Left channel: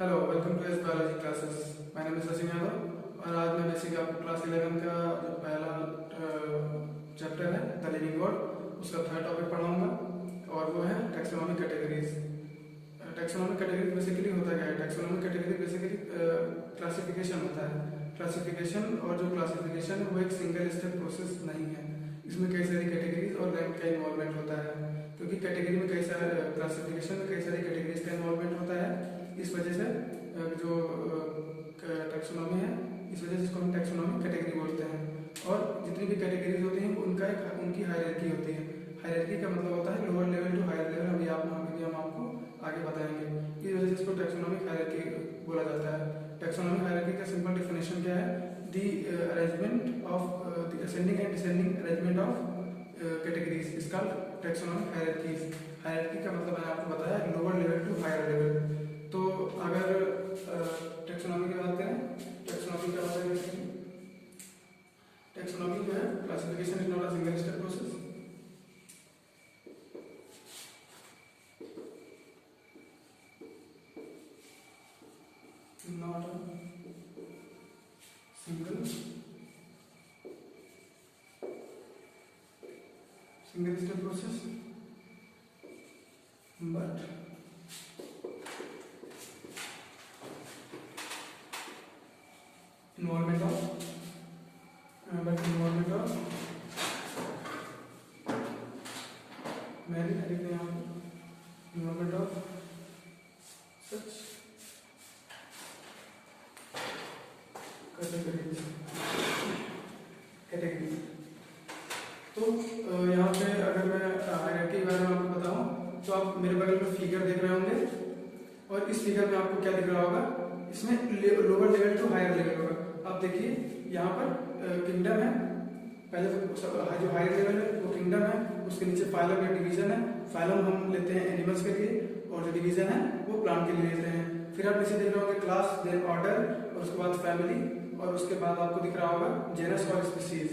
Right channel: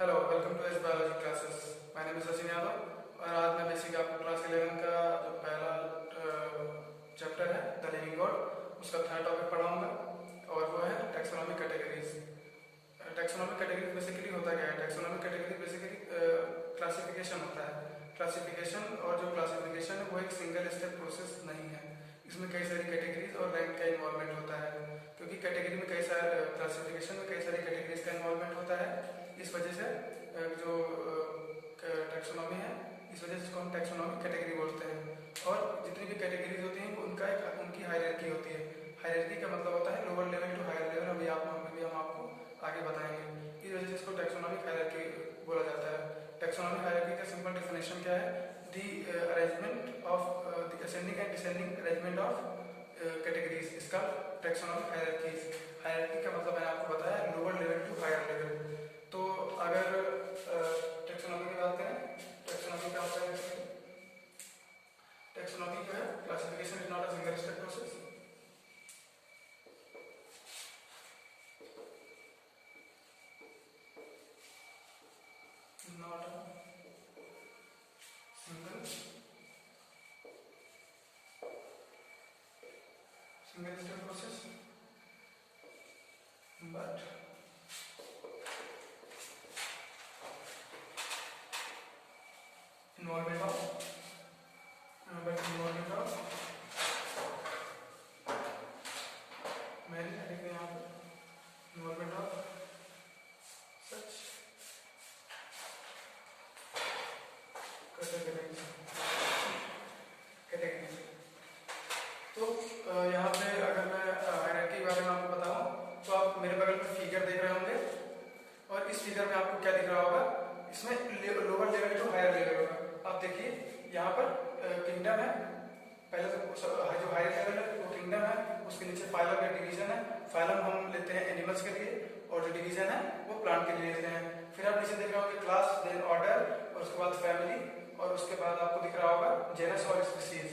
Hello, welcome to S biology classes. My name is Sachin Yadav और आज मैं बेसिक आपको क्लास 11 का जो पहला चैप्टर है द लिविंग गॉड उसका थर्ड टॉपिक पढ़ाऊंगा और वो है taxonomic categories. Taxonomic categories basically होता क्या है? टैक्सोनॉमिक कैटेगरी बेसिकली क्लासिफिकेशन होता है। क्लासिफिकेशन और जो क्लासिफिकेशन है वो एक सिंगल स्टेप प्रोसेस नहीं है। इसमें कई सारी कैटेगरीज और रैंक का इन्वॉल्वमेंट होता है, क्योंकि कैटेगरी में कई सारे क्लासिफिकेशन में कई सारी कैटेगरीज का इन्वॉल्वमेंट होता है। इस वजह से जो टैक्सोनॉमी है, इस वजह से इसको हम टैक्सोनॉमिक कैटेगरी बोलते हैं। और जितनी भी कैटेगरीज होती हैं उनकी हायरार्की होती है। हायरार्की का मतलब होता है lower level to higher level. अभी हम आपको आगे बताएंगे। इस वजह से इसको टैक्सोनॉमिक हायरार्की बोला जाता है। टैक्सोनॉमिक हायरार्की का सिंपल डेफिनेशन क्या है? The arrangement of the ascending and descending arrangement of categories is called taxonomic hierarchies. Hierarchy का मतलब मैंने आपको बताया lower level to higher level. तो अगर टैक्सोनॉमी की बात करें, टैक्सोनॉमी का होता है टैक्सोनॉमी जो है classification is not a single step process. Not a single step process but involvement of मैंने लिख दिया यहाँ पे इन्वॉल्वमेंट ऑफ सच कैटेगरी। तो यहाँ पे अगर मैं हायरार्की के बारे में आपको बताऊं तो आप मेरे बगल में फिगर देख रहे होंगे और इस फिगर में आपको क्या दिख रहा होगा? इसमें lower level to higher level होगा। आप देखिए यहाँ पर किंगडम है। पहले तो जो हायर लेवल है वो किंगडम है, उसके नीचे फाइलम एक डिवीजन है। फाइलम हम लेते हैं एनिमल्स के लिए और जो डिवीजन है वो प्लांट के लिए लेते हैं। फिर आप नीचे देख रहे होंगे क्लास, देन ऑर्डर और उसके बाद फैमिली और उसके बाद आपको दिख रहा होगा जेनस और स्पीसीज।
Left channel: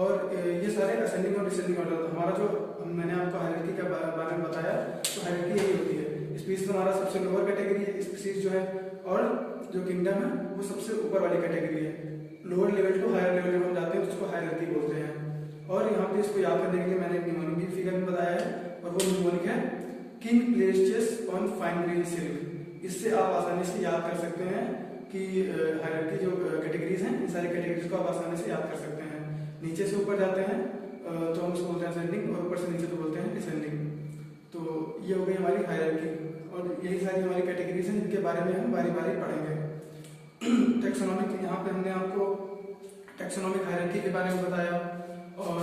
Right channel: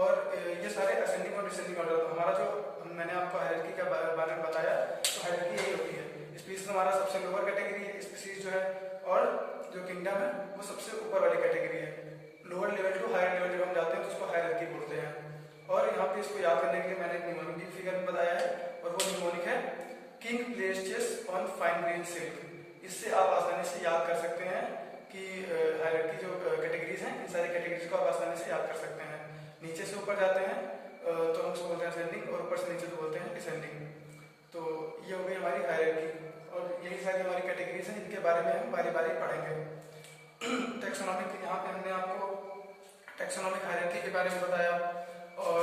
और ये सारे असेंडिंग और डिसेंडिंग ऑर्डर। हमारा जो मैंने आपको हायरार्की का बारे में बताया, तो हायरार्की यही होती है। स्पीसीज हमारा सबसे लोअर कैटेगरी है, स्पीसीज जो है, और जो किंगडम है वो सबसे ऊपर वाली कैटेगरी है। Lower level to higher level जब हम जाते हैं तो उसको हायरार्की बोलते हैं। और यहाँ पे इसको याद करने के लिए मैंने एक निमोनिक फिगर में बताया है और वो निमोनिक है king place chess on fine grain silk. इससे आप आसानी से याद कर सकते हैं कि हायरार्की जो कैटेगरीज हैं, इन सारी कैटेगरीज को आप आसानी से याद कर सकते हैं। नीचे से ऊपर जाते हैं तो हम उसको बोलते हैं असेंडिंग और ऊपर से नीचे तो बोलते हैं डिसेंडिंग। तो ये हो गई हमारी हायरार्की और यही सारी हमारी कैटेगरीज हैं जिनके बारे में हम बारी बारी पढ़ेंगे। टैक्सोनॉमिक, यहाँ पे हमने आपको टैक्सोनॉमिक हायरार्की के बारे में बताया। और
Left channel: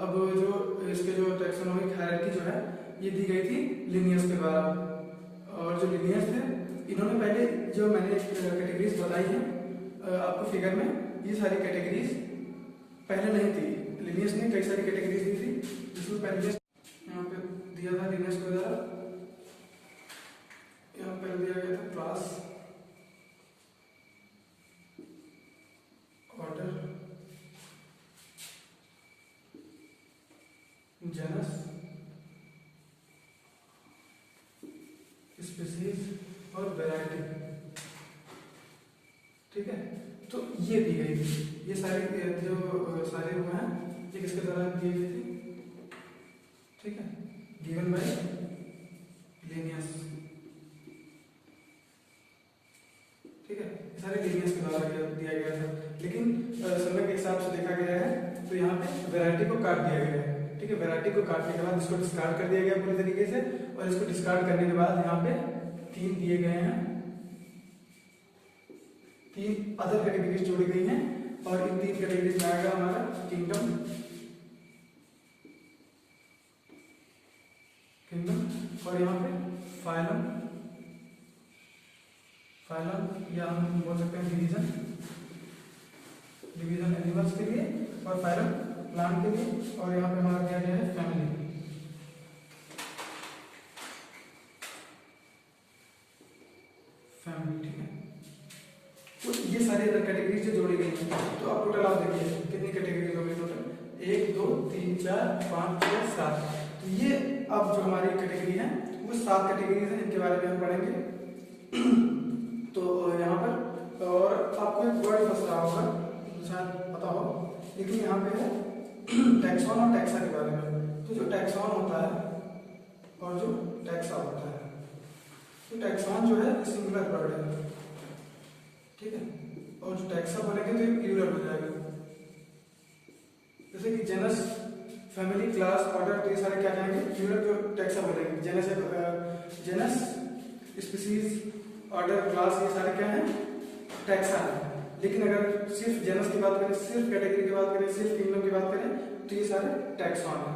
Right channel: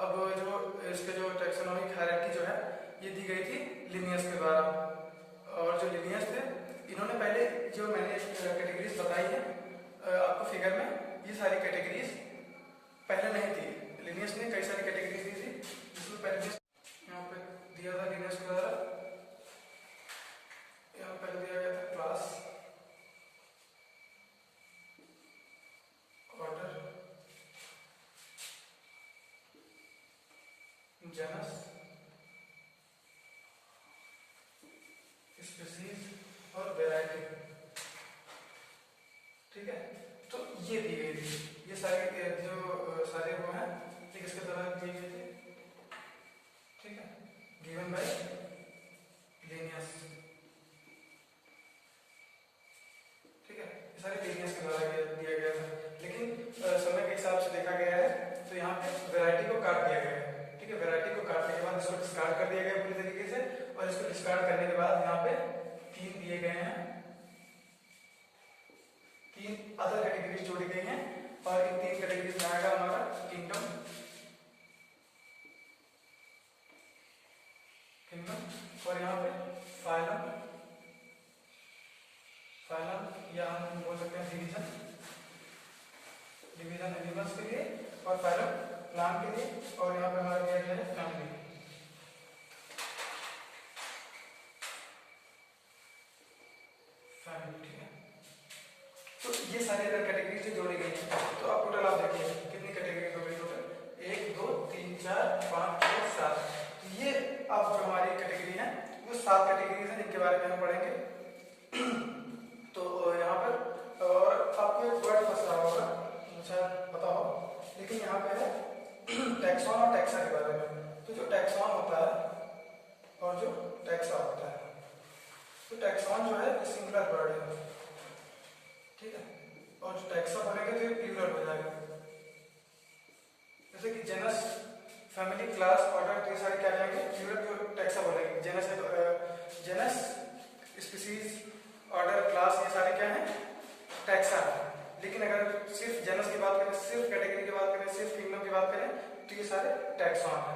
अब जो इसके जो टैक्सोनॉमिक हायरार्की जो है ये दी गई थी लिनियस के द्वारा। और जो लिनियस थे इन्होंने पहले जो मैंने कैटेगरीज बताई हैं आपको फिगर में, ये सारी कैटेगरीज पहले नहीं थी। लिनियस ने कई सारी कैटेगरीज दी थी, जिसमें पहले यहाँ पे दिया था लिनियस के द्वारा। यहाँ पहले दिया गया था क्लास, ऑर्डर, जेनस, स्पीसीज और वैरायटी। ठीक है, तो ये दी गई थी। ये सारी जो सारे वो हैं ये किसके द्वारा दी गई थी? ठीक है, गिवन बाय लिनियस। ठीक है, ये सारे लिनियस के द्वारा दिया गया था। लेकिन समय के हिसाब से देखा गया है तो यहाँ पे वैरायटी को काट दिया गया है। ठीक है, वैरायटी को काटने के बाद इसको डिस्कार्ड कर दिया गया पूरी तरीके से। और इसको डिस्कार्ड करने के बाद यहाँ पे 3 दिए गए हैं, 3 अदर कैटेगरीज जोड़ी गई हैं। और इन 3 कैटेगरीज में आएगा हमारा किंगडम, और यहाँ पे फाइलम, या हम बोल सकते हैं डिवीजन एनिमल्स के लिए, और फाइलम प्लांट के लिए। और यहाँ पे हमारा दिया गया है फैमिली। ठीक है, तो ये सारे कैटेगरीज जो जोड़ी गई हैं। तो आप टोटल आप देखिए कितनी कैटेगरीज हो गई टोटल? 1 2 3 4 5 6 7। ये अब जो हमारी कैटेगरी है वो 7 कैटेगरीज हैं जिनके बारे में हम पढ़ेंगे। टैक्सॉन और टैक्सा के बारे में। तो जो टैक्सॉन होता है और जो टैक्सा होता है, तो टैक्सॉन जो है सिंगुलर वर्ड है, ठीक है, और जो टैक्सा बोलेंगे तो प्लूरल हो जाएगा। जैसे कि जेनस, फैमिली, क्लास, ऑर्डर, तो ये सारे क्या कहेंगे? प्लूरल तो टैक्सा बोलेंगे। जेनस, स्पीसीज, ऑर्डर, क्लास, ये सारे क्या हैं? टैक्सा है। लेकिन अगर सिर्फ जेनस की बात करें, सिर्फ कैटेगरी की बात करें, सिर्फ किंगडम की बात करें, तो ये सारे टैक्सॉन है।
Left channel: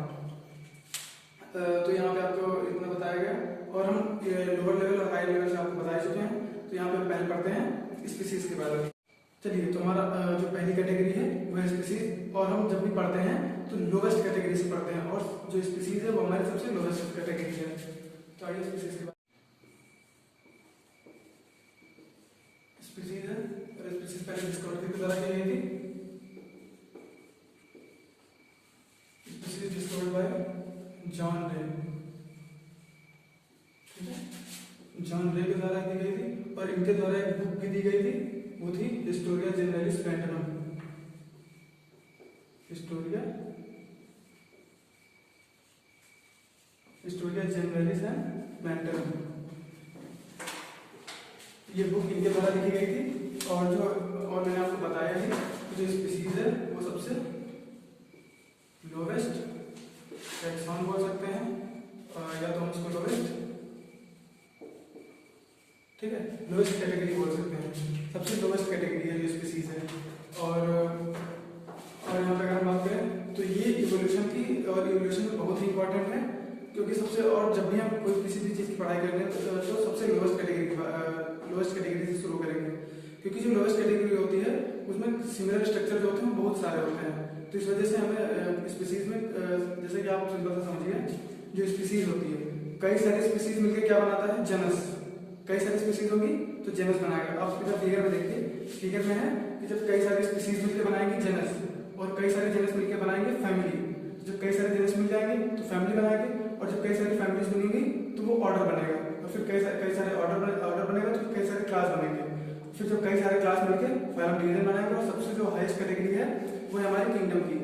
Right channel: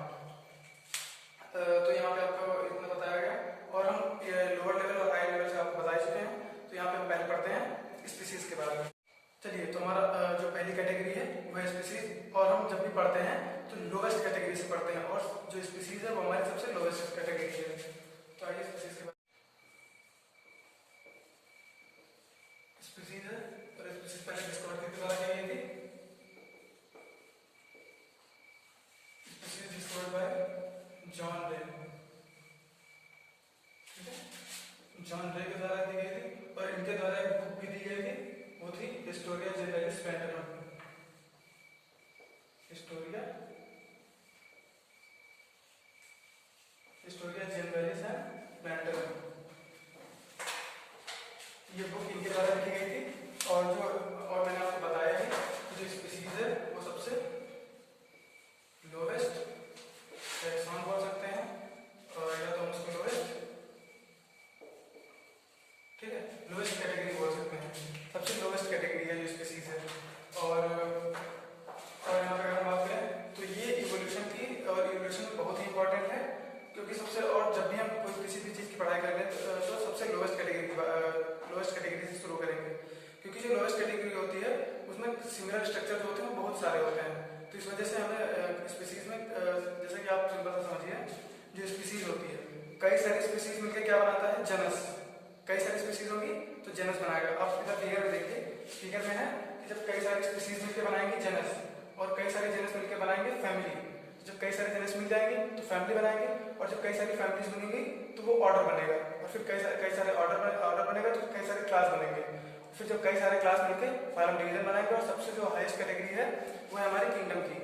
तो यहाँ पे आपको इतना बताया गया, और हम लोअर लेवल और हाई लेवल से आपको बता चुके हैं। तो यहाँ पे हम पहले पढ़ते हैं स्पीसीज के बारे में। चलिए, तो हमारा जो पहली कैटेगरी है वो है स्पीसीज, और हम जब भी पढ़ते हैं तो लोवेस्ट कैटेगरी से पढ़ते हैं, और जो स्पीसीज है वो हमारी सबसे लोवेस्ट कैटेगरी है। तो आइए स्पीसीज के बारे में। स्पीसीज है, और स्पीसीज पहले डिस्कवर के द्वारा की गई थी। स्पीसीज डिस्कवर्ड बाय जॉन रे, ठीक है, जॉन रे के द्वारा दी गई थी, और इनके द्वारा एक बुक भी दी गई थी, वो थी हिस्टोरिया जनरलिस पैंटनम। हिस्टोरिया जनरलिस एंड पैंटनम, ये बुक इनके द्वारा लिखी गई थी। और मैंने आपको बताया ही कि जो स्पीसीज है वो सबसे लोवेस्ट टैक्सॉन बोल सकते हैं, या तो हम उसको लोवेस्ट, ठीक है, लोवेस्ट कैटेगरी बोल सकते हैं। सबसे लोवेस्ट कैटेगरी है जो स्पीसीज है। और यहाँ पे अगर हम बात करें तो ये इवोल्यूशन की, और इवोल्यूशन में बहुत ही इंपॉर्टेंट है, क्योंकि सबसे, और जब भी हम कोई किसी भी चीज़ की पढ़ाई कर रहे हैं तो सबसे लोवेस्ट कैटेगरी से शुरू करेंगे, क्योंकि जो लोवेस्ट कैटेगरी होती है उसमें सिमिलर स्ट्रक्चर जो होते हैं वो बहुत सारे होते हैं। तो इस वजह से हमें स्पीसीज में, जैसे कि आप सिंपल सा समझिए, जो स्पीसीज होती है, कई सारी स्पीसीज मिलकर क्या बनाता है? जनस। कई सारी स्पीसीज होगी तो जेनस बनाएगा। आप इधर फिगर में देखिए, फिगर में है कि जब कई सारी स्पीसीज मिलकर बनाएंगे जेनस, और कई सारे जेनस मिलकर बनाएंगे फैमिली। जब कई सारे जेनस मिल जाएंगे तो फैमिली बनाएंगे, और जब कई सारी फैमिलीज बनेंगी तो वो ऑर्डर बनेगा, और फिर कई सारे ऑर्डर बनेगा तो कई सारे क्लास बनेंगे। फिर जब कई सारे क्लास मिलकर फिर हम डिवीजन बनाएंगे, और सबसे जो हाईएस्ट कैटेगरी है वो है हमारी किंगडम की।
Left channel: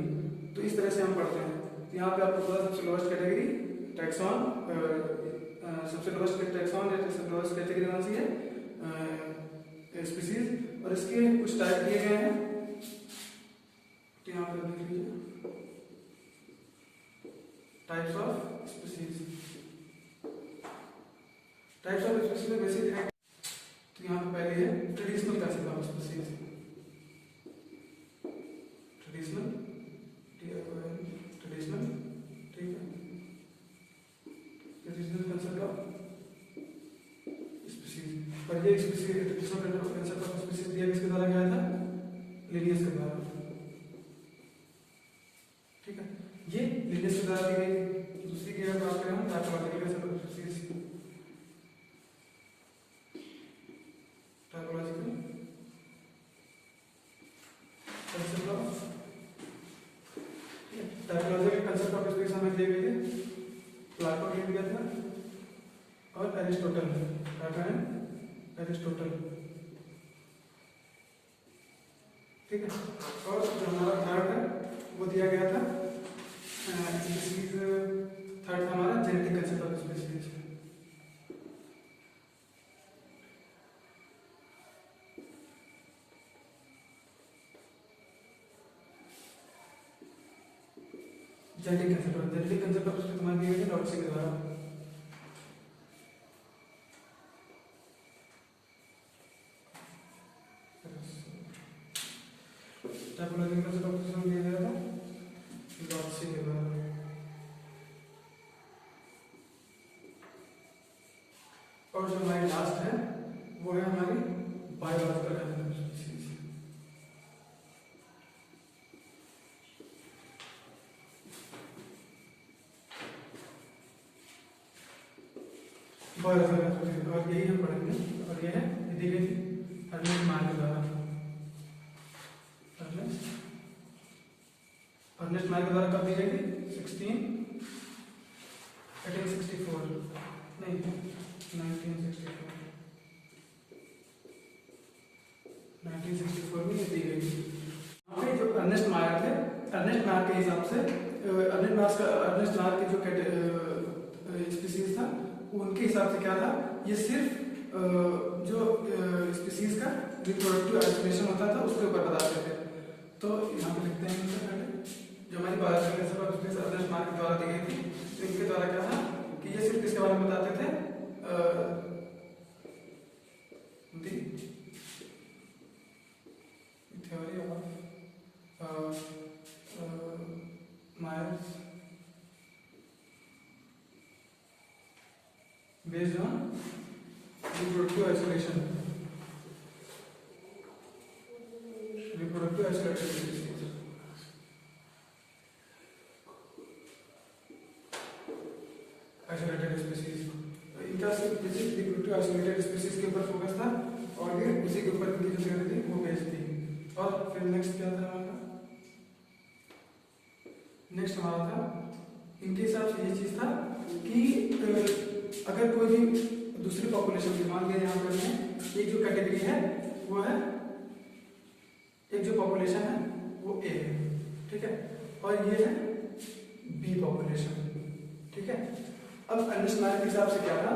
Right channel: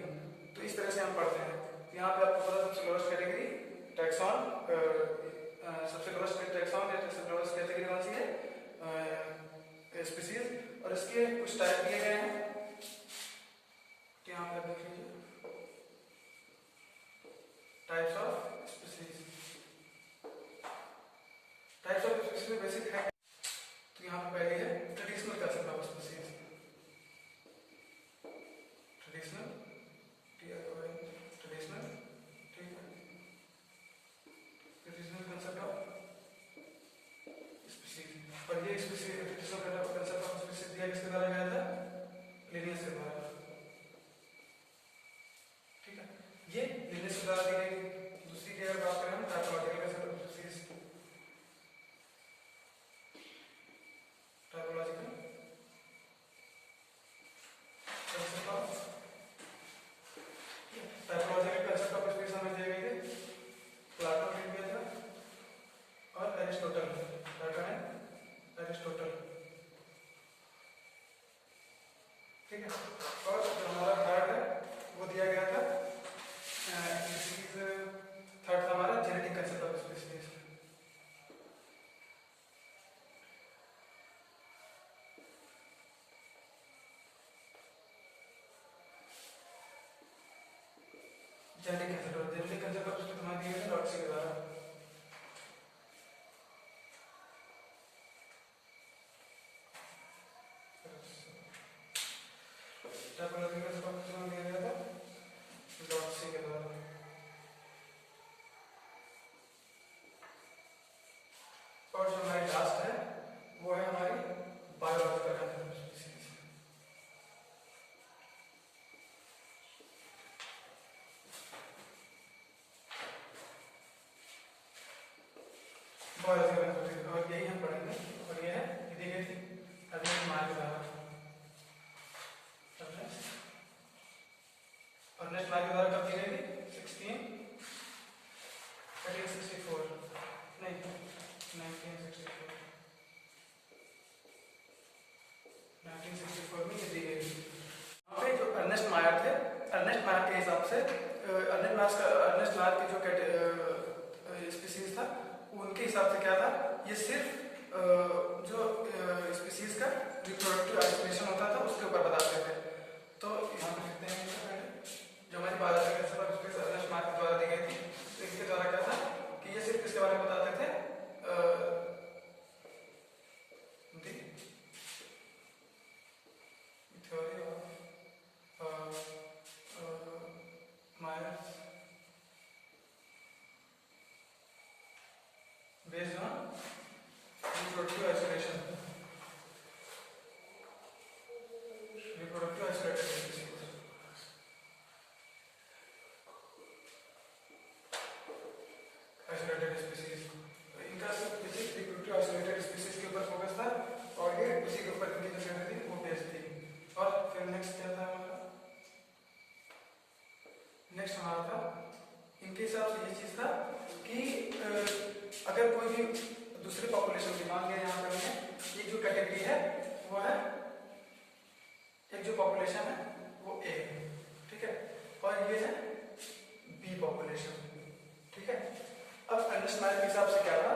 तो इस तरह से हम पढ़ते हैं। यहाँ पे आपको पता सबसे लोवेस्ट कैटेगरी टैक्सॉन, सबसे लोवेस्ट टैक्सॉन या सबसे लोवेस्ट कैटेगरी कौन सी है? स्पीसीज। और इसके कुछ टाइप दिए गए हैं, यहाँ पे देख लीजिए, types of species. Types of species में बेसिक है, तो यहाँ पे पहले है traditional concept of species. Traditional, ठीक है, ट्रेडिशनल कंसेप्ट ऑफ स्पीसीज। और ये species, traditional concept of species दिया किसके द्वारा गया था? लिनियस के द्वारा, ठीक है, ये लिनियस के द्वारा दी गई। दूसरी की अगर बात करें हम typological concept of species, typological concept of, typological concept of species हमें दिए गए थे, प्लाटो ने दिया था, और एरिस्टोटल, प्लाटो एंड एरिस्टोटल, ठीक है। और जो हमारा थर्ड है वो दिया गया था स्पीसीज, थर्ड था हमारा genetic concept of species. Genetic concept of species हमें दिए गए लॉटसी के द्वारा। टाइपोलॉजिकल कंसेप्ट ऑफ स्पीसीज हमें दिया गया था लॉटसी के द्वारा। और जो हमारी लास्ट है वो है हमारी biological concept of species. Biological concept, और यही हम पढ़ेंगे। और ये है, ये दी गई थी अर्नेस्ट मायर के द्वारा। अर्नेस्ट मायर के द्वारा कब दी गई थी? 1864, नहीं 1964, 1964 में ये दी गई थी। यहाँ पे जो अर्नेस्ट मायर थे, अर्नेस्ट मायर के हिसाब से अर्नेस्ट मार्क की जो स्पीसीज था उनके हिसाब से क्या था, ये सिर्फ जो स्पीसीज का रिप्रोडक्टिव आइसोलेशन होता था उसके ऊपर बताते थे। तो यहाँ पे लिखते हैं जो हमारी बायोलॉजिकल सफर उसके अर्नेस्ट मार्क के द्वारा दी गई थी। तो इनके द्वारा क्या था कि ये सिर्फ किसके बारे में बताते थे, theory of Myers based on reproductive isolation, reproductive isolated species। isolated species इनका सिर्फ reproductive isolated species के ऊपर फोकस था और ये उसी के ऊपर इनकी जो थ्योरी थी वो बेस्ड थी। और फिर नेक्स्ट क्या था हमारा, नेक्स्ट हमारा था इनके हिसाब से ये चीज था कि अगर कोई भी दूसरी पॉपुलेशन की, मान लिया यहाँ पे हमने एक जो कैटेगरी है वो है, एक जो पॉपुलेशन है वो ए है, ठीक है, और ये है बी पॉपुलेशन, ठीक है। अब अर्नेस्ट मार्क के हिसाब से क्या था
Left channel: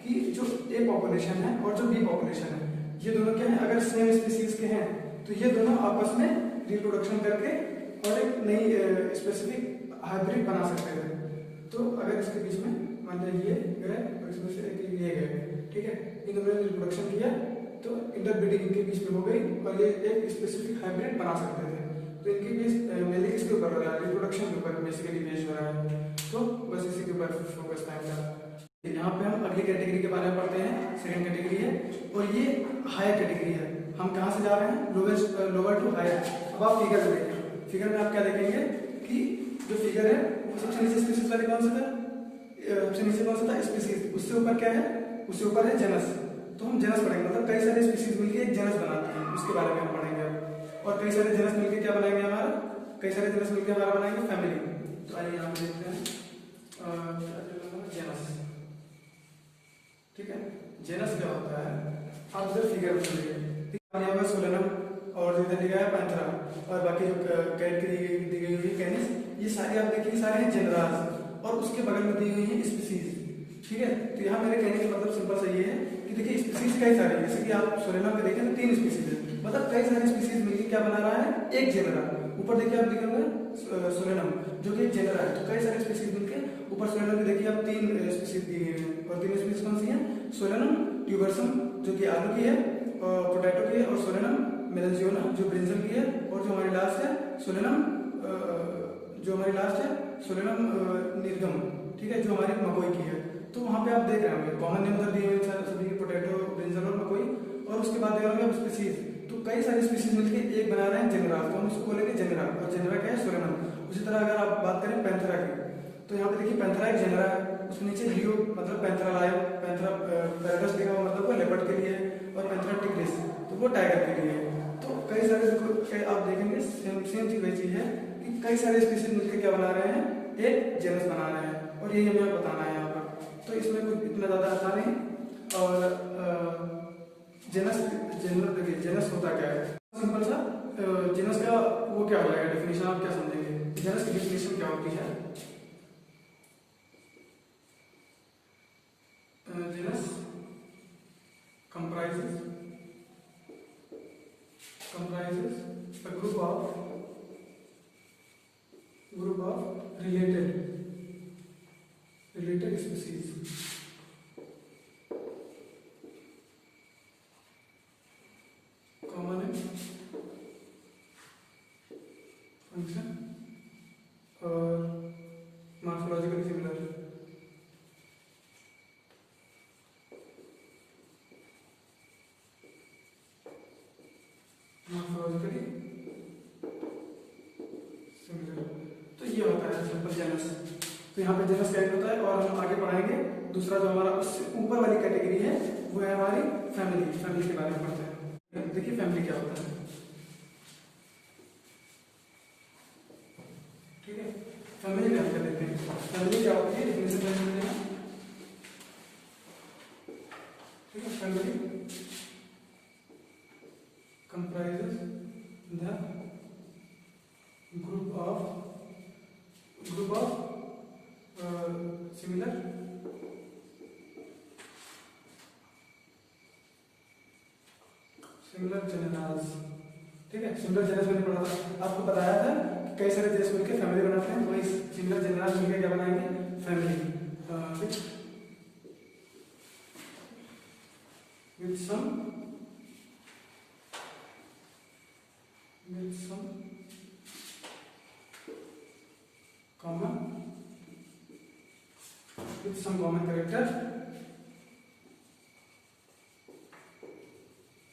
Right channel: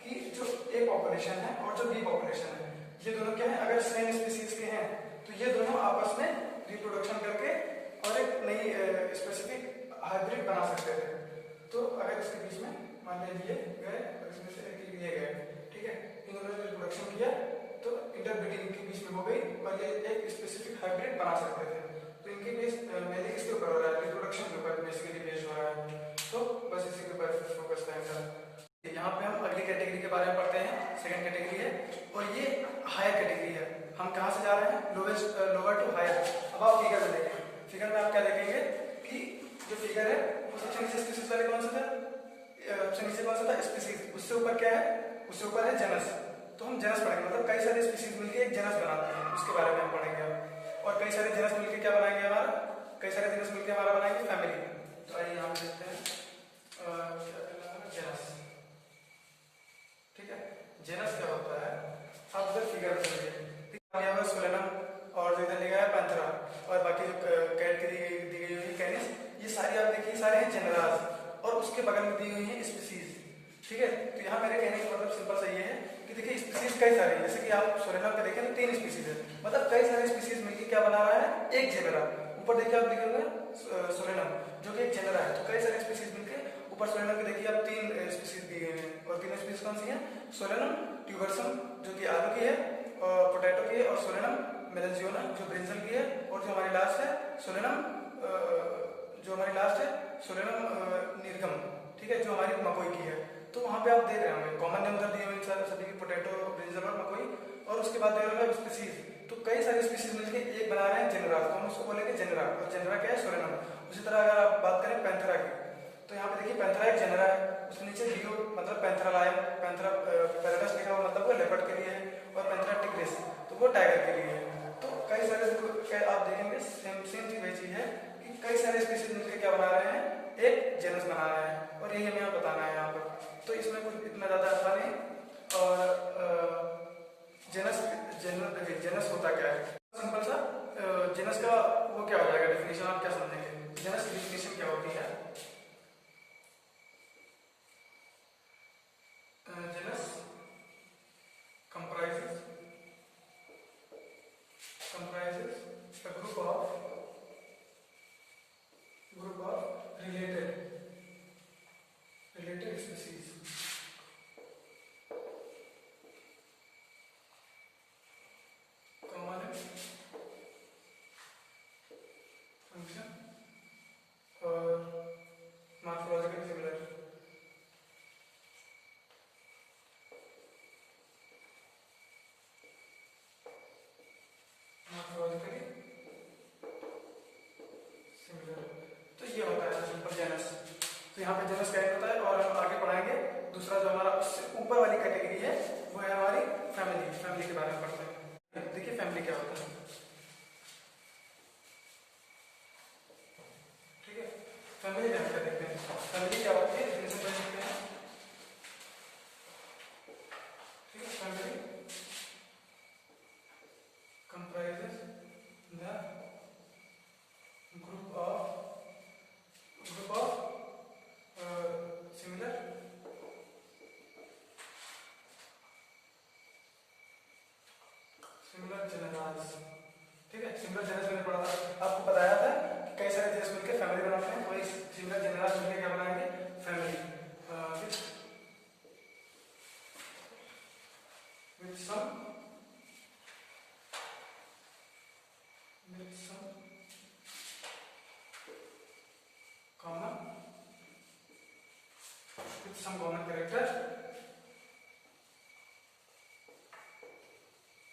कि जो ए पॉपुलेशन है और जो बी पॉपुलेशन है ये दोनों क्या है, अगर सेम स्पीसीज के हैं तो ये दोनों आपस में रिप्रोडक्शन करके और एक नई स्पेसिफिक हाइब्रिड बना सकते थे। तो अगर इसके बीच में मान लीजिए गए और इसमें से एक ये गए, ठीक है, इन्होंने रिप्रोडक्शन किया तो इंटरब्रीडिंग इनके बीच में हो गई और ये एक स्पेसिफिक हाइब्रिड बना सकते थे। तो इनके बीच मेनली किसके ऊपर हो रहा है, रिप्रोडक्शन के ऊपर बेसिकली बेस्ड हो रहा है। तो बस इसी के ऊपर फोकस था इनका। यहाँ पे हम अगली कैटेगरी के बारे में पढ़ते हैं, सेकंड कैटेगरी है और ये हायर कैटेगरी है। हम कहाँ से जा रहे हैं, लोअर टू हायर। अब आप फिगर में देखें, फिगर में आप क्या देखेंगे कि जो फिगर है सबसे नीचे स्पीसीज वाले कौन सा था, सबसे नीचे कौन सा था स्पीसीज, उससे ऊपर क्या है, उससे ऊपर है जनस। तो हम जनस पढ़ेंगे, मतलब कई सारे स्पीसीज मिलकर एक जनस बनाते हैं, उसके बारे में हम पढ़ेंगे। और कई सारे जनस मिलकर क्या बनाएंगे हमारा, कई सारे जनस मिलकर हमारा बनाएंगे फैमिली। तो आइए यहाँ पे देखते हैं जनस, ठीक है। जनस क्या होता है, आप इधर फिगर देखिए, सोलेनम और जो इधर लिखा है पैंथेरा और बाकी कैटेगरी दी गई हुई कैनिस, ये सारे आप देखिए सारे हैं जेनरास और उसके बगल में दी गई है स्पीसीज, ठीक है। तो यहाँ मेरे कहने का मतलब सिंपल सा ये है कि देखिए स्पीसीज कई सारे, जैसे कि आप सोलेनम पे देखें तो 3 स्पीसीज है, मतलब कई सारे स्पीसीज मिलकर क्या बना रहा है, एक जेनरा। ऊपर देखिए आप देखेंगे सोलेनम जो कि एक जेनरा है, तो कई सारे स्पीसीज मिलकर ऊपर सोलेनम पे देखिए आप 3 स्पीसीज दी गई है और 3 स्पीसीज कौन सी है, सोलेनम ट्यूबरसम जो कि आलू की है और पोटैटो की है, और सोलेनम मेलेंजियोना जो ब्रिंजल की है, और जो हमारी लास्ट है सोलेनम सोलेनम निर्गम, ठीक है, जो हमारी मकोई की है। तो वहां पे आप देख रहे होंगे कॉमन नेम उधर दिए हुए सभी पोटैटो, ब्रिंजल और मकोई, और उसके बाद देख रहे होंगे स्पीसीज। तो कई सारे स्पीसीज मिलकर एक बना रहे हैं जेनरा, तो हम उसको बोलेंगे जेनरा, और जेनरा क्या है, सोलेनम। उसी तरह अगर आप बात करें पैंथेरा की, तो यहाँ पे देखिए पैंथेरा एक जेनरा है, उसके नीचे लियो मतलब पैंथेरा लायन, पैंथेरा पैराडस लिखा हुआ मतलब वो लेपर्ड के लिए, और पैंथेरा टिग्रिस तो वो टाइगर के लिए। तो कई सारे आप देखेंगे सेम चीज वही चीज है कि कई सारे स्पीसीज मिलकर क्या बना रहे हैं, एक जेनस बना रहे हैं, और ये हमें बताना है यहाँ पर। तो इसमें कुछ इतना ज्यादा आसान नहीं। और जेनस होता क्या है, सिंपल सा जेनस का वो क्या हो जाएगा डेफिनेशन, आप क्या समझेंगे, जेनस की डेफिनेशन क्या होती है। Genus comprises a group of related species. Common in function और morphologically similar. तो ये होता है सिंपल जेनस। तो यहाँ पे जेनस क्या होता है, और हम आगे पढ़ाएंगे दूसरा जो हमारा उससे ऊपर वाली कैटेगरी है वो है हमारी फैमिली के बारे में पढ़ते हैं। देखिए फैमिली क्या होता है, ठीक है। फैमिली क्या होता है देखते हैं, फैमिली क्या होती है, डेफिनेशन देखते हैं, ठीक है। Family comprises the group similar genera, ठीक है। सिमिलर जेनस मैंने पढ़ा था, आपको बताया था कि कई सारे जेनस मिलकर फैमिली बनाते हैं, वही सिमिलर जेनरास मिलकर क्या बनाएंगे, family with some common character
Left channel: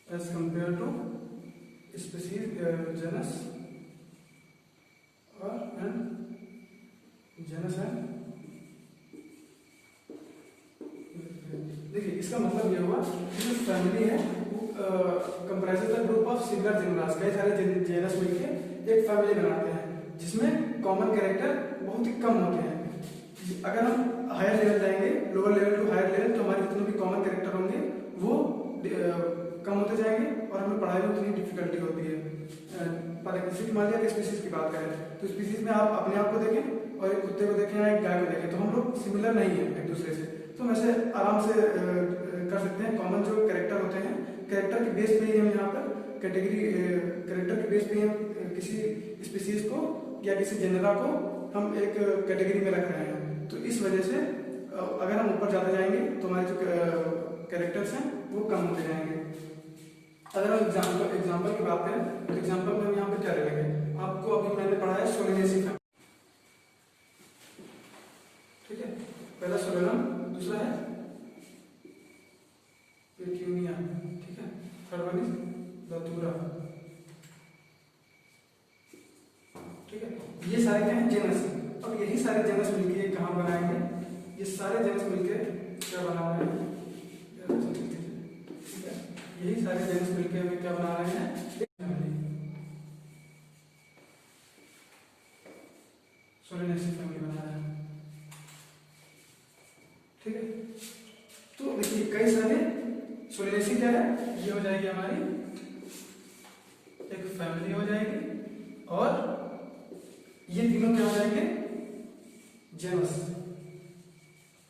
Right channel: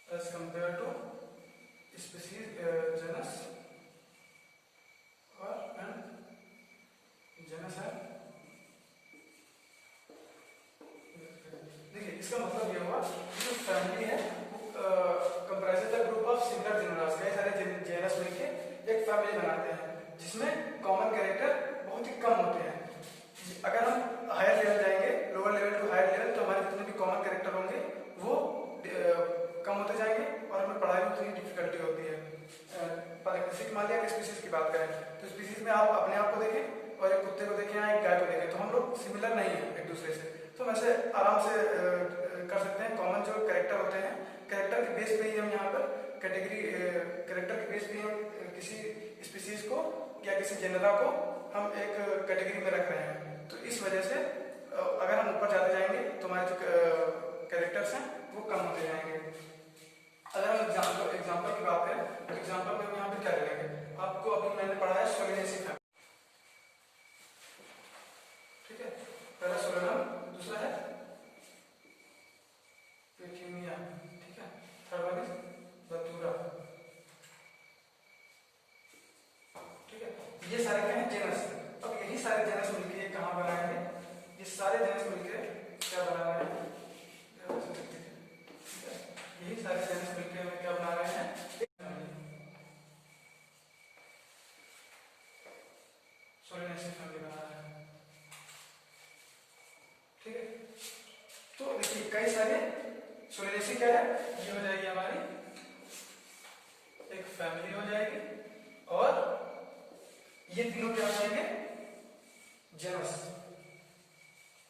as compared to species genus or and genus and देखिए इसका मतलब ये हुआ कि जो फैमिली है वो comprises the group of similar genera, कई सारे जेनस मिलके एक फैमिली बनाते हैं जिसमें कॉमन कैरेक्टर बहुत ही कम होते हैं। अगर हम हायर लेवल जाएंगे, lower level to higher level, तो हमारे जितने भी कॉमन कैरेक्टर होंगे वो कम होते जाएंगे और हमें पढ़ाई में उतनी डिफिकल्टी होती है। किसी मान लिया स्पीसीज की बात करें तो स्पीसीज में आप अपने आप को देखें और एक कुत्ते को देखें या एक गाय को देखें तो हम लोग सिमिलर नहीं है एक दूसरे से, तो वैसे आराम से कर सकते हैं। कॉमन जो कैरेक्टर होते हैं, कैरेक्टर के बेस पे ही हम यहाँ पर कैटेगरी, कैरेक्टर के बेस पे ही हम किसी स्पीसीज को या किसी जेनरा को हम एक कैटेगरी में रख रहे हैं। तो इस वजह से अगर हम ऊपर जाते जाएंगे तो हमारे जो कैरेक्टर्स हैं वो कम होते जाएंगे। अगर हम एग्जाम्पल की बात करें तो एग्जाम्पल में हम यहाँ पे क्या लेंगे, आपको अभी मैंने पढ़ा है सोलिनेसी फैमिली, ठीक है। पहला सोलेनम, दूसरा है पेक्यूनिया, ठीक है। थर्ड वन इज बतूरा, ठीक है। ये सारे क्या हैं, जेनस। अब यही सारे जेनस मिलके कहाँ बनाएंगे, ये सारे जेनस मिलके क्या बना रहे हैं, यही सारे जेनस मिलके हमें क्या बना रहे हैं, सोलिनेसी फैमिली बना रहे हैं, ठीक है। तो देखिए कई सारे सोलिनेसी क्या है, ये हो जाएगी हमारी एक फैमिली हो जाएगी और ये तीनों क्या हो जाएंगे, जेनस,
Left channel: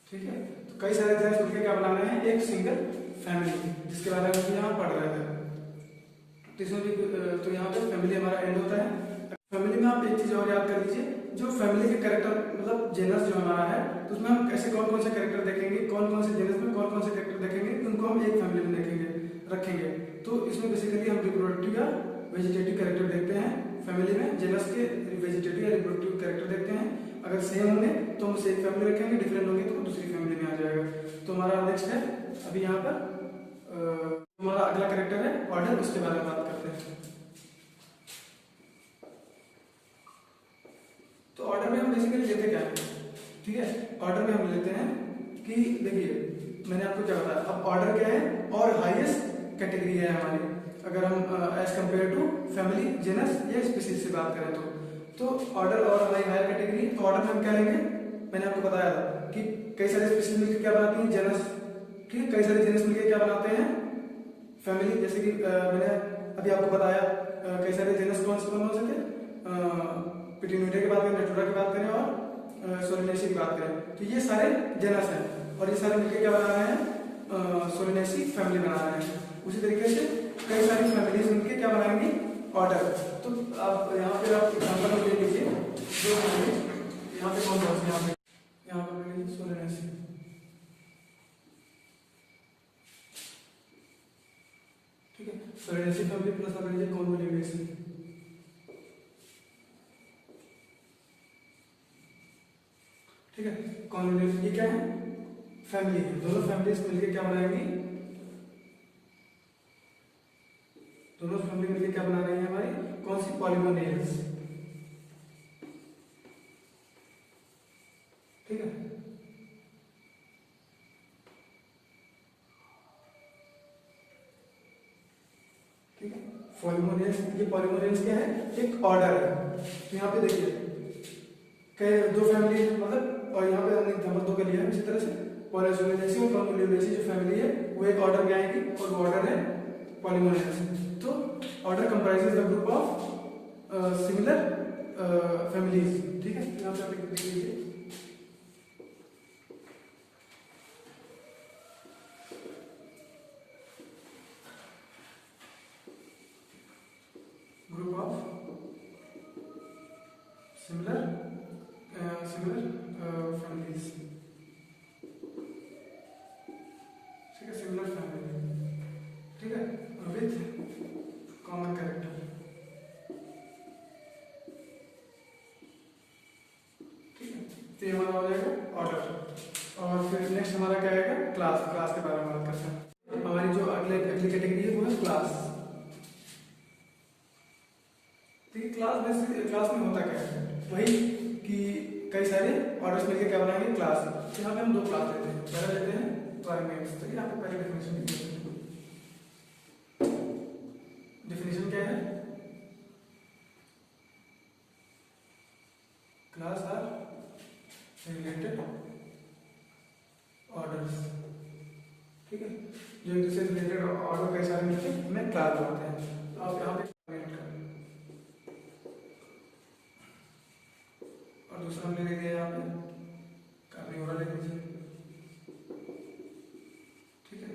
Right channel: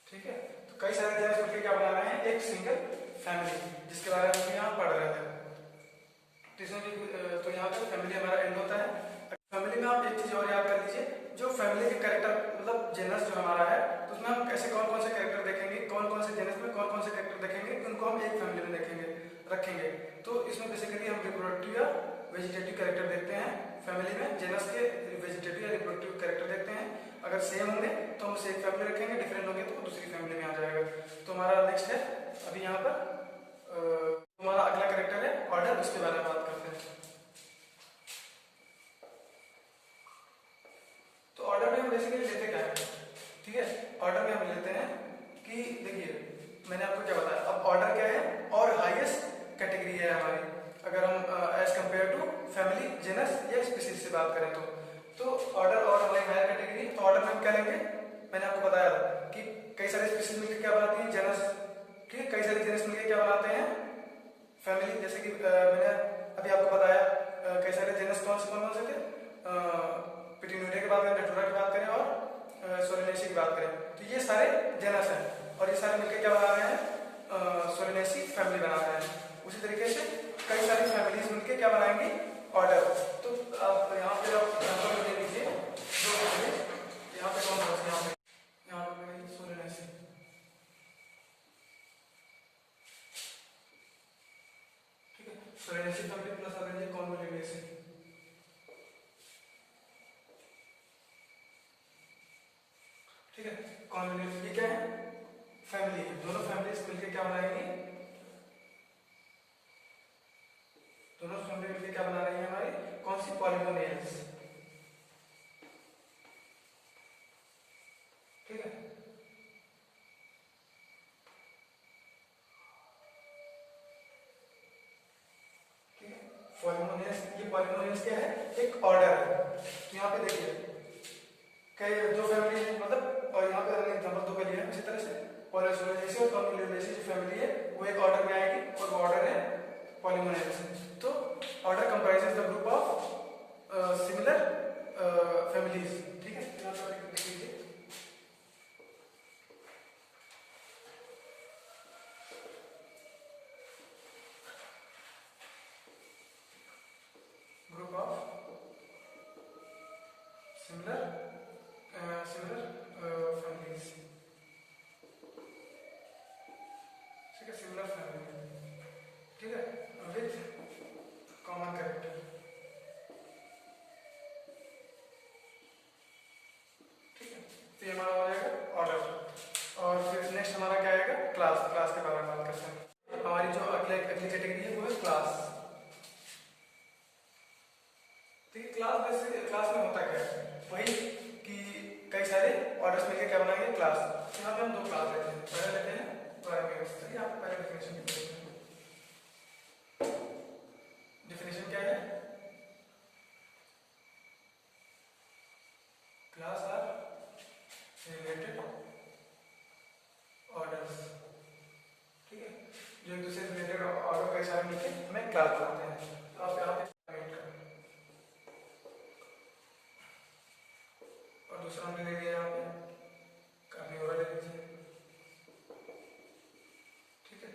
ठीक है। तो कई सारे जेनस मिलकर क्या बना रहे हैं, एक सिंगल फैमिली, जिसके बारे में हम यहाँ पढ़ रहे थे। तो यहाँ पर फैमिली हमारा एंड होता है। फैमिली में आप एक चीज और याद कर लीजिए, जो फैमिली के कैरेक्टर मतलब जेनस जो हमारा है तो उसमें हम कैसे कौन कौन से कैरेक्टर देखेंगे, कौन कौन से जेनस में कौन कौन से कैरेक्टर देखेंगे, उनको हम एक फैमिली में देखेंगे रखेंगे। तो इसमें बेसिकली हम रिप्रोडक्टिव या वेजिटेटिव कैरेक्टर देखते हैं फैमिली में, जेनस के वेजिटेटिव या रिप्रोडक्टिव कैरेक्टर देखते हैं। अगर सेम होंगे तो हम उसे एक फैमिली रखेंगे, डिफरेंट होंगे तो दूसरी फैमिली में आ जाएगा। तो हमारा नेक्स्ट है अभी यहाँ पर हमारा अगला कैरेक्टर है ऑर्डर, उसके बारे में बात करते हैं। तो ऑर्डर में हम बेसिकली लेते क्या है, ठीक है। ऑर्डर में हम लेते हैं कि देखिए मैंने आपको क्या बताया, अब ऑर्डर क्या है और हाईएस्ट कैटेगरी है हमारी, अगर हम as compare to family, genus या स्पीसीज से बात करें तो ऑर्डर और हमारी हायर कैटेगरी। तो ऑर्डर में हम क्या लेंगे, मैंने आपको बताया कि कई सारे स्पीसीज मिलकर क्या बनाती हैं, जेनस, ठीक है। कई सारे जेनस मिलकर क्या बनाते हैं, फैमिली। जैसे कि मैंने अभी आपको बताया कई सारे जेनस कौन से थे, पिट्यूनिडे की बात करें, नेटुरा की बात करें और सोलिनेसी की बात करें, तो ये सारे जेनस हैं और ये सारे मिलकर क्या बना रहे हैं, सोलिनेसी फैमिली बना रहे हैं। उसी तरीके से कई सारी फैमिलीज मिलकर क्या बनाएंगी, ऑर्डर। तो आप यहाँ पे आप एग्जाम्पल में दे लीजिए, दो फैमिली यहाँ पे कौन सा है, यहाँ पे सोलिनेसी, ठीक है। सोलिनेसी फैमिली प्लस आप लीजिए कॉन्वोल्यूनेसी, ठीक है। कॉन्वोल्यूनेसी ये क्या है, फैमिली है। दोनों फैमिलीज मिलकर क्या बनाएंगी, दोनों फैमिली मिलकर क्या बना रही है हमारी, कौन सी, पॉलीमोनियल्स, ठीक है। ठीक है, पॉलीमोनियल्स, ये पॉलीमोनियल्स क्या है, एक ऑर्डर है। यहाँ पे देखिए कई दो फैमिली मतलब, और यहाँ पे हमने एग्जांपल दो के लिए इसी तरह से पॉलीसोलिनेसी और कॉन्वोल्यूनेसी जो फैमिली है वो एक ऑर्डर में आएगी और वो ऑर्डर है पॉलीमोनियल्स। तो order comprises the group of similar families, ठीक है। यहाँ पे आप देख लीजिए, क्लास। देखिए क्लास में होता क्या है, वही कि कई सारे ऑर्डर्स मिलकर क्या बनाएंगे, क्लास। तो यहाँ पे हम दो क्लास लेते हैं, पहले लेते हैं प्राइमेट्स। तो यहाँ पे पहले डिफिनेशन क्या है, क्लास आर रिलेटेड ऑर्डर्स। ठीक है, जो एक दूसरे से रिलेटेड ऑर्डर कई सारे मिलकर हमें क्लास बनाते हैं। तो आप यहाँ पे और दूसरा हमने ले लिया यहाँ पे कार्निवोरा ले लीजिए। ठीक है,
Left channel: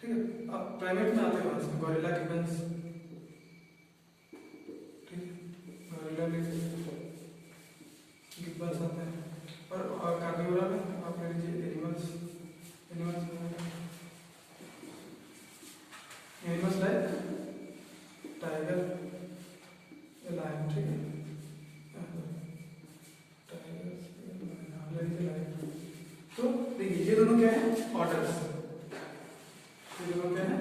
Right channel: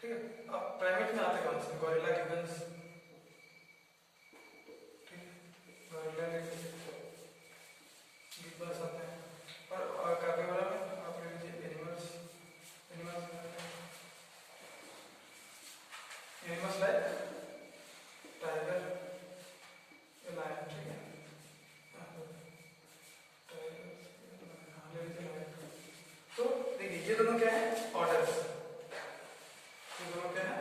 ठीक है। अब प्राइमेट में आते कौन से, गोरिल्ला, गिबन्स। ठीक है, गोरिल्ला ले लीजिए, गिबन्स आते हैं। और कार्निवोरा में आप ले लीजिए एनिमल्स लाइक टाइगर, लायन। ठीक है, तो देखिए ये दोनों क्या है, ऑर्डर्स। ये दोनों क्या है,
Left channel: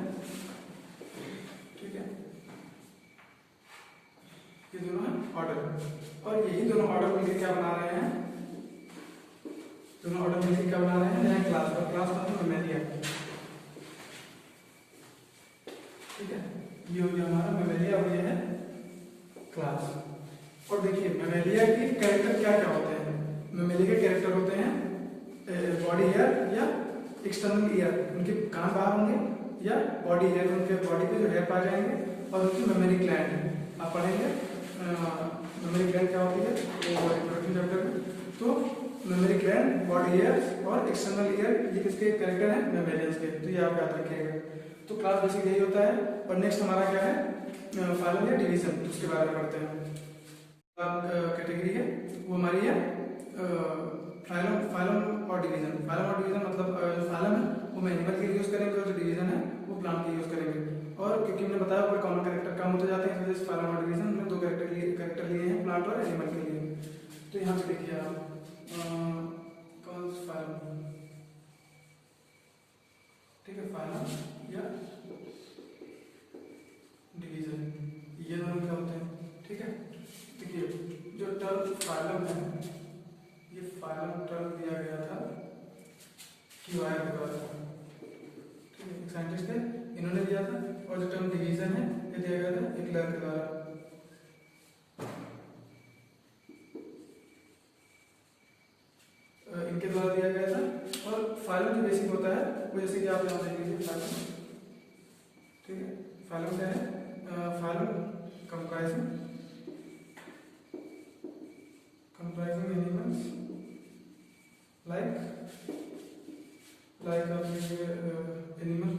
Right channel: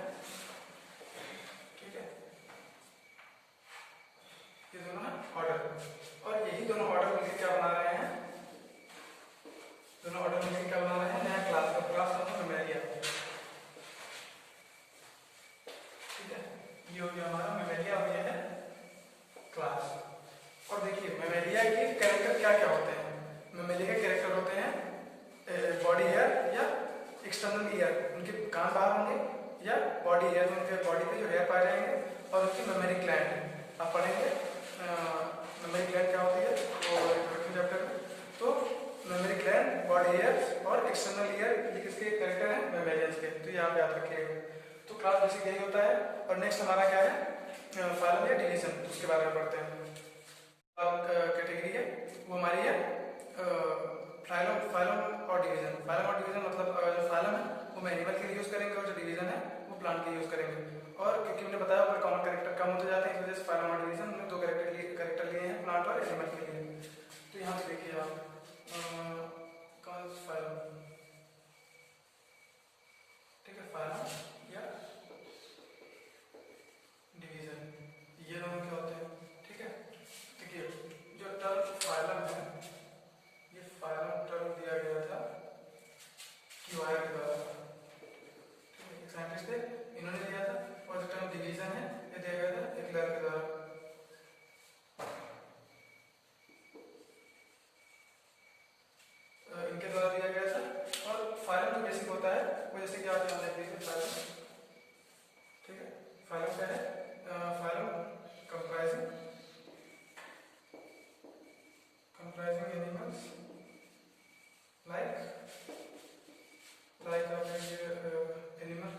ठीक है, ये दोनों है ऑर्डर। और यही दोनों ऑर्डर मिलकर क्या बना रहे हैं, दोनों ऑर्डर मिलकर क्या बना रहे हैं, नया क्लास है। क्लास मतलब मेमोरिया। ठीक है, ये हो गया हमारा मेमोरिया, हो गया है क्लास। और देखिए मेमोरिया के कैरेक्टर क्या क्या होते हैं। मेमोरिया के कैरेक्टर होते हैं बॉडी हेयर या एक्सटर्नल ईयर, उनके कान बाहर होंगे, या बॉडी हेयर, उनके बॉडी पे जो हेयर पाए जाएंगे, और उनकी मेमोरी ग्लैंड आप पढ़ेंगे। मेमोरी ग्लैंड क्या होती है वो इंट्रोडक्शन चैप्टर में। तो मेमोरी ग्लैंड, बॉडी हेयर और एक्सटर्नल ईयर, ये किसके कैरेक्टर हैं, मेमोरियंस के। तो ये आप याद रखिएगा। तो क्लास बेसिक यही होता है। और नेक्स्ट हमारा क्या है, फाइलम या डिवीजन, उसके बारे में पढ़ते हैं। कैटेगरी है वो हमारी है फाइलम और डिवीजन। फाइलम और डिवीजन मतलब जो फाइलम है वो हम एनिमल के लिए यूज करेंगे, और जो डिवीजन है वो प्लांट के लिए यूज करेंगे। और क्योंकि मैंने बताया ऊपर कॉमन कैरेक्टर कम होते जाते हैं, इस वजह से फाइलम और डिवीजन में दो कैरेक्टर लिए हैं, प्लांट और एनिमल के लिए। तो यहाँ पे देखिए आप कौन फाइलम, ठीक है, फाइलम या डिवीजन, ये दोनों क्या होते हैं। ठीक है, देखिए जो टर्म फाइलम है, ये फाइलम टर्म दिया गया था क्यूआर के द्वारा। ठीक है, एक साइंटिस्ट थे, इन्होंने दिया था। और जो टर्म डिवीजन है ये दिया गया था एक्लर के द्वारा। इनके द्वारा दिया गया था। और फाइलम जो बेसिक होता है वो जैसे कि आप यहाँ देख लीजिए फाइलम। ठीक है, फाइलम क्या है, फाइलम कंप्राइजिंग एनिमल्स like आप लीजिए animal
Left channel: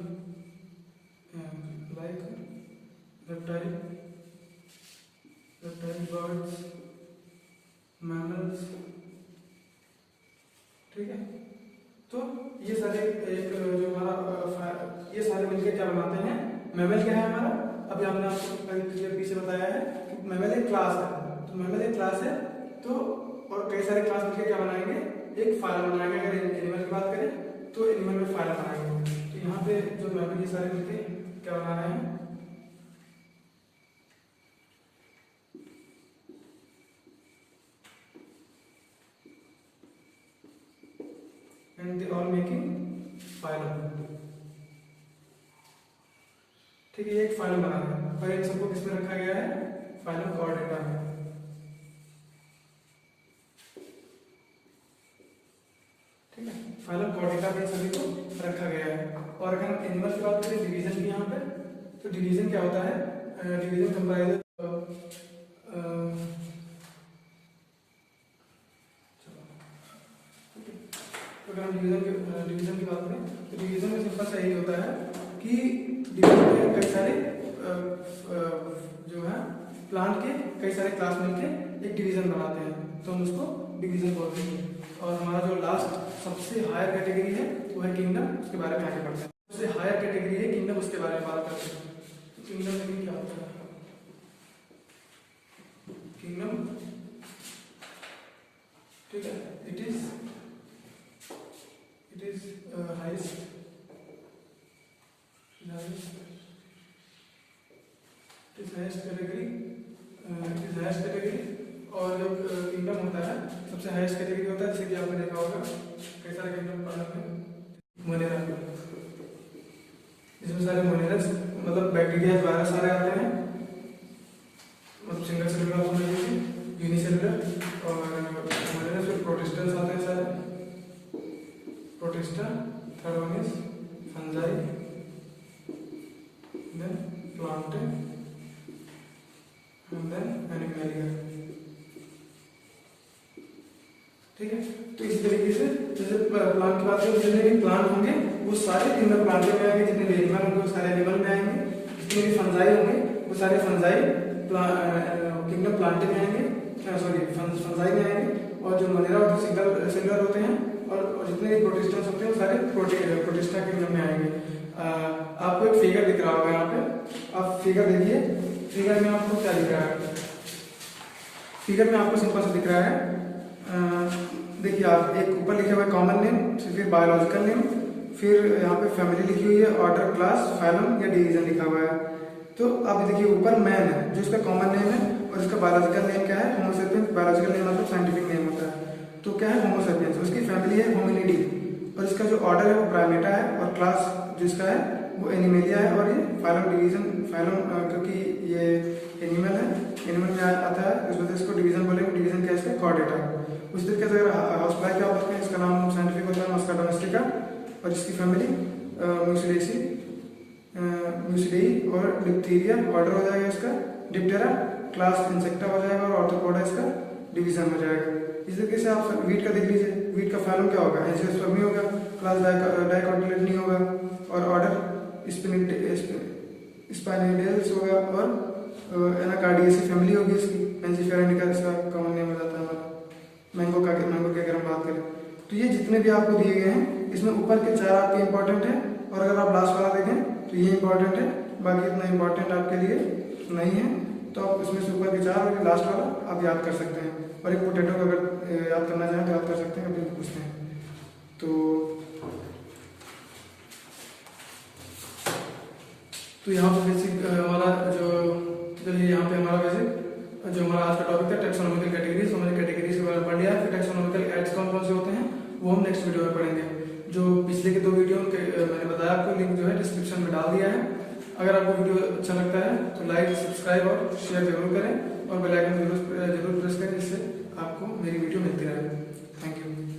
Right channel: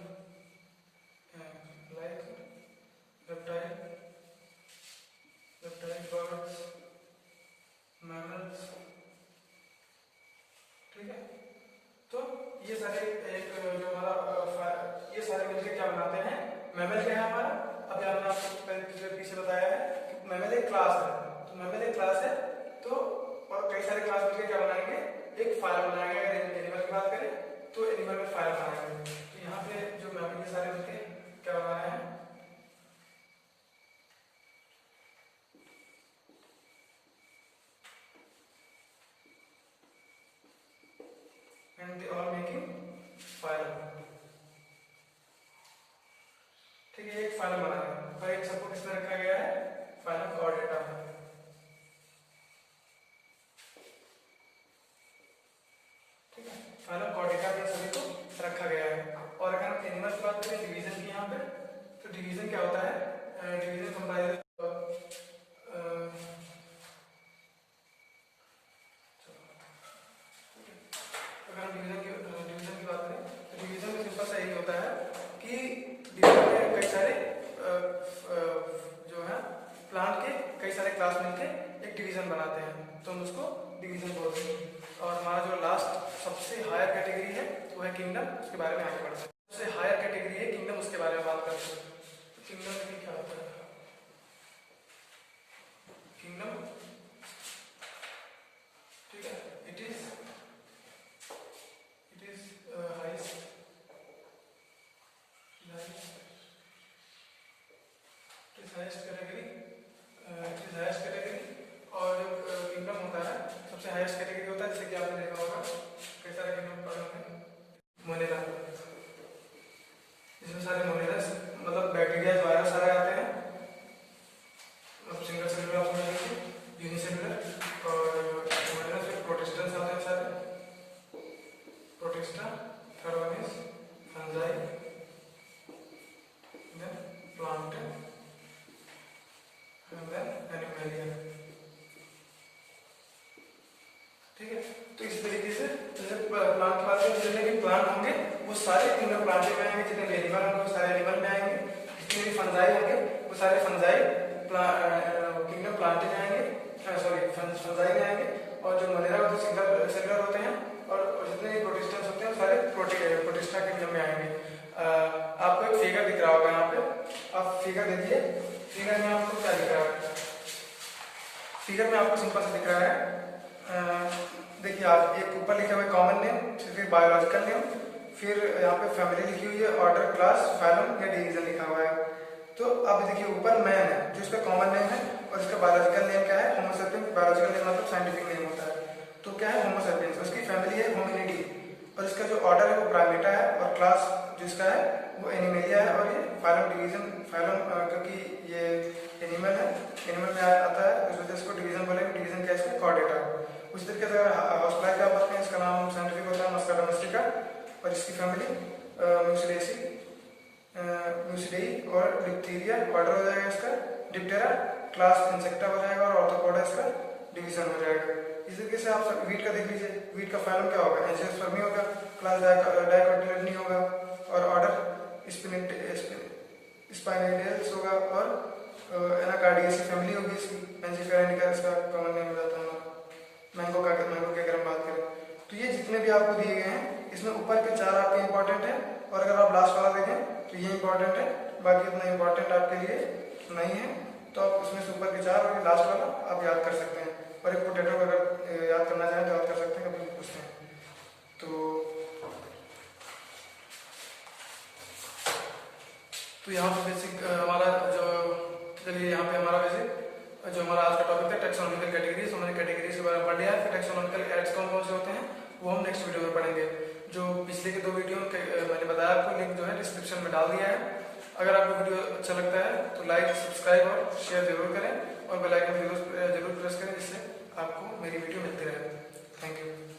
like reptile birds, mammals. ठीक है, तो ये सारे एक जो हमारा ये सारे मिलकर क्या बनाते हैं, मैमल क्या है हमारा। अभी आपने आपको पीछे बताया है कि मैमल एक क्लास है। तो मैमल एक क्लास है, तो और कई सारे क्लास मिलकर क्या बनाएंगे, एक फाइलम बनाएंगे। अगर एनिमल की बात करें तो एनिमल में फाइलम बनाएंगे। तो यहाँ पे जो मैमल ये सारे मिलकर क्या बना रहे हैं, and they all making phylum. ठीक है, एक फाइलम बना रहे हैं। और इन सबको किसमें रखा गया है, फाइलम और डेटा में। ठीक है, फाइलम और डेटा में सभी को रखा गया है। और अगर हम एनिमल की बात करें, डिवीजन की यहाँ पे, तो डिवीजन क्या होता है, डिवीजन कंप्राइज अगर हम डिवीजन की बात करें तो डिवीजन में सिंपल सा यही होता है कि डिवीजन में कई सारे जो है प्लांट के कई सारे क्लास मिलकर एक डिवीजन बनाते हैं, तो हम उसको डिवीजन बोलते हैं। और हमारा जो लास्ट सबसे हायर कैटेगरी है वो है किंगडम, उसके बारे में आगे बढ़ते हैं। सबसे हायर कैटेगरी है किंगडम, उसके बारे में बात करते हैं। किंगडम में क्या होता है, किंगडम, ठीक है, it is highest highest category is highest category. और जो किंगडम होता है सबसे हाईएस्ट कैटेगरी होता है, जैसे कि आपने देखा होगा कई सारे किंगडम पढ़े होंगे। मोनेरा, इसमें सारे मोनेरस मतलब बैक्टीरिया वायरस सारे आते हैं, मतलब सिंगल सेलुलर ऑर्गेनिज्म, यूनिसेलुलर। और मोनेरस में प्रोटिस्टन्स आते हैं सारे, protista. Third one is fungi, then plant and then animalia. ठीक है, तो इसी तरीके से जैसे प्लांट की बात करें, जितने भी प्लांट होंगे वो सारे किंगडम प्लांट में आएंगे, जितने भी एनिमल होंगे वो सारे एनिमल में आएंगे, जितने भी फंजाई होंगे वो सारे फंजाई किंगडम प्लांट में आएंगे, सॉरी फंजाई में आएंगे। और जो मोनेरा होते हैं सिंगल सेलुलर होते हैं, और जितने भी प्रोटिस्टन्स होते हैं वो सारे प्रोटिस्टा किंगडम में आएंगे। आपको एक फिगर दिख रहा होगा यहाँ पे, आप फिगर देखिए। फिगर में आपको क्या दिख रहा है? फिगर में आपको सिंपल से दिख रहा है, देखिए आप एक ऊपर लिखे हुए कॉमन नेम, फिर बायोलॉजिकल नेम, फिर यहाँ पे फैमिली लिखी हुई है, ऑर्डर, क्लास, फाइलम या डिवीजन लिखा हुआ है। तो अब देखिए ऊपर मैन है जो इसका कॉमन नेम है, और इसका बायोलॉजिकल नेम क्या है? होमो सेपियंस। बायोलॉजिकल नेम मतलब साइंटिफिक नेम होता है, तो क्या है? होमो सेपियंस। उसकी फैमिली है होमिनिडी, और इसका जो ऑर्डर है वो प्राइमेटा है, और क्लास जिसका है वो एनिमेलिया है, और ये फाइलम डिवीजन, फाइलम क्योंकि ये एनिमल है, एनिमल में आता है इस वजह से इसको डिवीजन बोलेंगे। डिवीजन क्या है इसका? चॉर्डेटा। उस तरीके से अगर हाउस फ्लाई की बात करें, इसका नाम साइंटिफिक होता है मस्का डोमेस्टिका, और इसकी फैमिली म्यूसिलेसी, म्यूसिलेई, और डिप्थीरिया ऑर्डर हो जाएगा इसका डिप्टेरा, क्लास इंसेक्टा हो जाएगा, और ऑर्थोपोडा इसका डिवीजन हो जाएगा। इस तरीके से आप वीट का देख लीजिए, वीट का फाइलम क्या होगा? एंजियोस्पर्मी होगा, क्लास डाइकोटिलेडनी होगा, और ऑर्डर स्पाइनिडेल्स होगा, और एनाकार्डियेसी फैमिली होगी इसकी, पेंसिफेरा इंडिका इसका कॉमन नेम हो जाता है हमारा। मैंगो की अगर हम बात करें, तो ये जितने भी आपको दिए गए हैं इसमें ऊपर के 4 आपके इंपॉर्टेंट है, और अगर आप लास्ट वाला देखें तो ये इंपॉर्टेंट है, बाकी इतना इंपॉर्टेंट आपके लिए नहीं है। तो आप इसमें से ऊपर के 4 और लास्ट वाला आप याद कर सकते हैं, और एक पोटैटो को अगर याद करना चाहें तो याद कर सकते हैं, कभी पूछते हैं तो यहाँ पे बेसिक हमारा जो, चलिए यहाँ पे हमारा बेसिक जो हमारा आज का टॉपिक था टैक्सोनॉमिकल कैटेगरीज, हमने कैटेगरीज के बारे में पढ़ लिया। फिर टैक्सोनॉमिकल एड्स कौन कौन से होते हैं वो हम नेक्स्ट वीडियो में पढ़ेंगे। जो पिछले के 2 वीडियो मैंने बताया आपको, लिंक जो है डिस्क्रिप्शन में डाल दिया है। अगर आपको वीडियो अच्छा लगता है तो लाइक, सब्सक्राइब और शेयर जरूर करें, और बेल आइकन जरूर प्रेस करें, जिससे आपको मेरी वीडियो मिलती रहे। Thank you.